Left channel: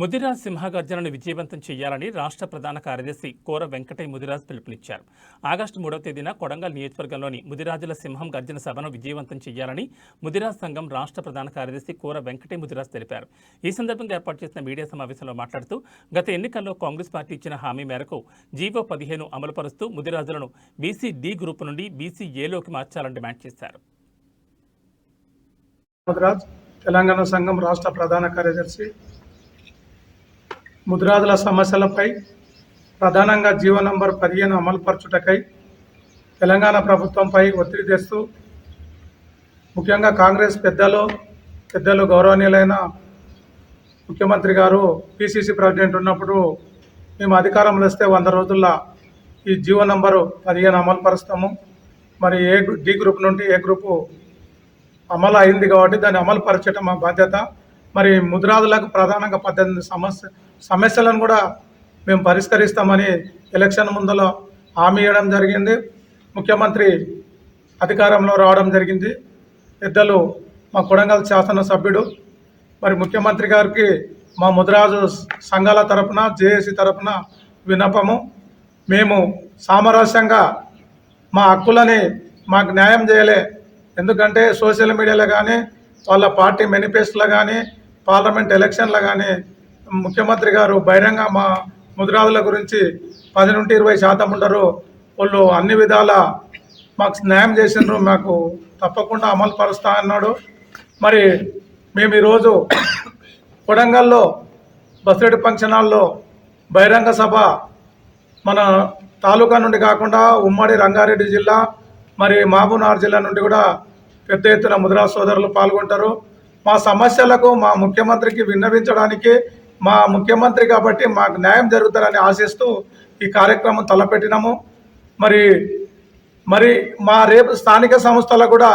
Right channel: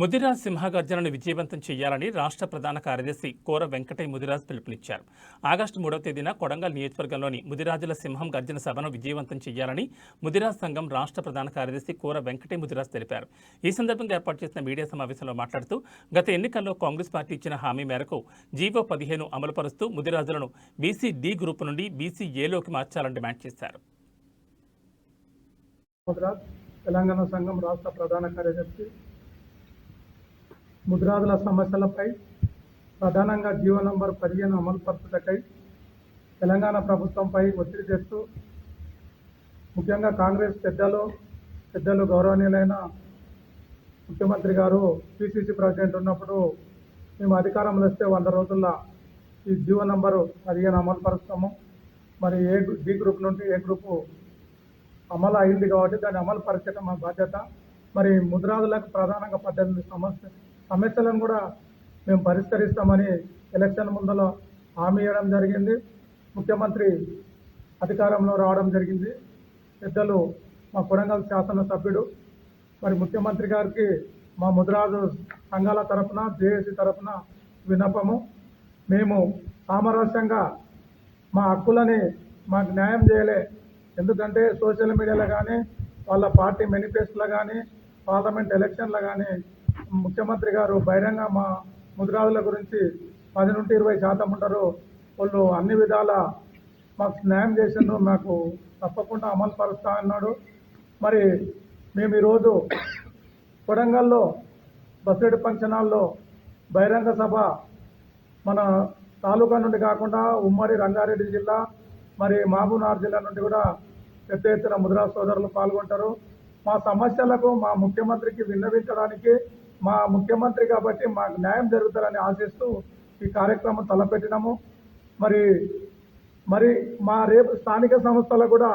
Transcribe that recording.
ముదిరాజ్ సింహగర్జనను విజయవంతం చేయాలని రాష్ట్ర ప్రధాన కార్యదర్శి కోర వెంకటయ్య ముదిరాజ్ పిలుపునిచ్చారు. ఆగస్టు 3వ తేదీన కొడంగల్ నియోజకవర్గంలోని ముదిరాజుల సింహం గర్జన సభను విజయవంతం చేయాలని ముదిరాజ్ సంఘం రాష్ట్ర ప్రధాన కార్యదర్శి కోర వెంకటయ్య ముదిరాజ్ తెలిపారు. ఈ సందర్భంగా ఏర్పాటు చేసిన మీడియా సమావేశంలో మాట్లాడుతూ గత ఎన్నికల్లో కాంగ్రెస్ పార్టీ ఇచ్చిన హామీ మేరకు జీవో 15 అమలుపరుస్తూ ముదిరాజులను బీసీ డి గ్రూపు నుండి బీసీ ఏలోకి మార్చాలని డిమాండ్ చేశారు. తెలంగాణ సంఘం రాష్ట్ర ప్రధాన కార్యదర్శి ముదిరాజుల సమస్యలపై ప్రధానంగా జీవో నంబర్ 15 అమలుపరచుటకై తెలంగాణ ప్రభుత్వంపై ఒత్తిడి తెస్తూ ముఖ్యంగా కాంగ్రెస్ పెద్దలు గౌరవనీయులైన ముఖ్యమంత్రి గారు పిసిసి ప్రెసిడెంట్ ఉన్నప్పుడు మేము అధికారంలో వస్తే 100 రోజుల్లో ఈ జీవో నంబరు 15 అమలుపరుస్తాము. మరి డి గ్రూప్ నుండి ఏ గ్రూపు అమలు అయింది కాబట్టి దాన్ని అమలు పరచడం మా బాధ్యత. మరి ముదిరాజులకు ప్రధానంగా 18 సమస్యలను కూడా మేము పరిష్కరిస్తామని ఎలక్షన్ ముందులో హామీ ఇవ్వడం జరిగింది. ముఖ్యమంత్రి అధికారంలో రావడం జరిగింది. పెద్దలు మా కొడంగల్ శాసనసభ్యుడు మరి ముఖ్యమంత్రి గారికి మా ముదిరాజు సంఘాల తరపున జేఏసీ తరపున విన్నపము, మేము సామరస్యంగా మా హక్కులని మాకు న్యాయం చేయలే. ఎందుకంటే సోషల్ మీడియాలో కానీ వాళ్ళ పార్టీ మేనిఫెస్టోలో కానీ పార్లమెంట్ ఎలక్షన్లో కానీ ముఖ్యమంత్రి గారు బహిరంగ మా ముదిరాజుల గురించి 10 నుండి 20% ఉండరు, వాళ్ళు అన్ని విధాల మాకు న్యాయం చేసినారు, మాకు తప్పకుండా అమలు పరుస్తా అన్నాడు. మరి మేము ఈరోజు కొడంగల్లో బసిరెడ్డి ఫంక్షన్ హాల్లో బహిరంగ సభ మన తాలూకా నుండి కాకుండా ఉమ్మడి రంగారెడ్డి జిల్లా మరి మహబూబ్నగర్ జిల్లా నుండి కూడా పెద్ద ఎత్తున ముదిరాజు సోదరులు పాల్గొంటారు. మా సమస్యలకు మా ముఖ్యమంత్రికి విన్నవించడానికి మా ముఖ్యమంత్రి కాబట్టి మాకు న్యాయం జరుగుతుందని ఆశిస్తూ ఈ కార్యక్రమం తలపెట్టినాము. మరి మా రేపు స్థానిక సంస్థలకు కూడా